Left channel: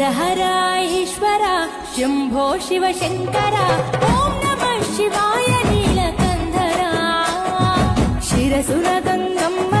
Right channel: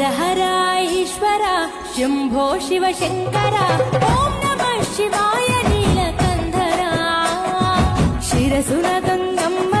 हर हर ईश्वर शंभो शिव शंकर ओम नमः शिवाय नीलकंधरा शिरसुन गंगम्म